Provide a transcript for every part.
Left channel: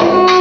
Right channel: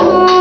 thank mm -hmm. you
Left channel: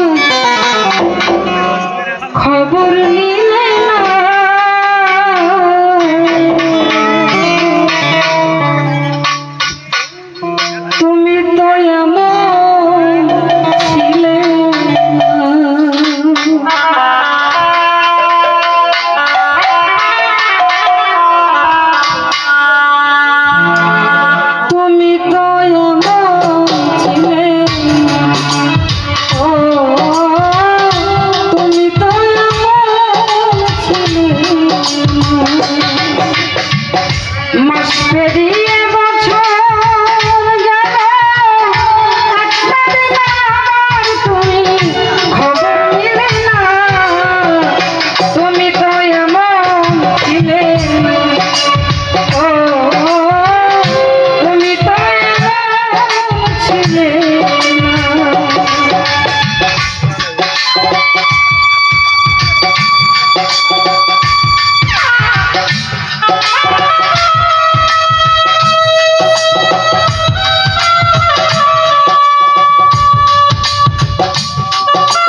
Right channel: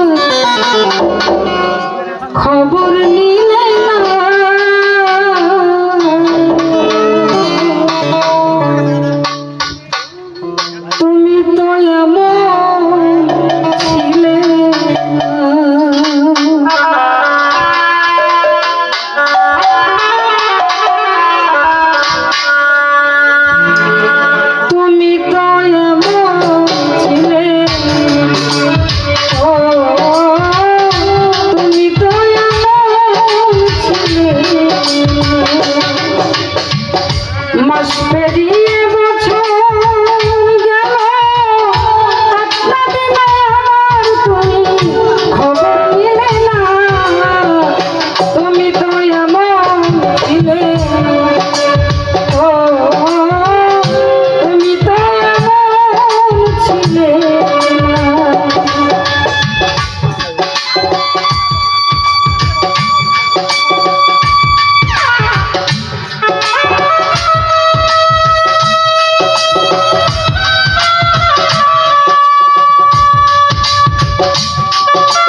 Thank you.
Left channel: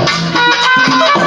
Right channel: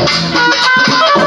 Thank you.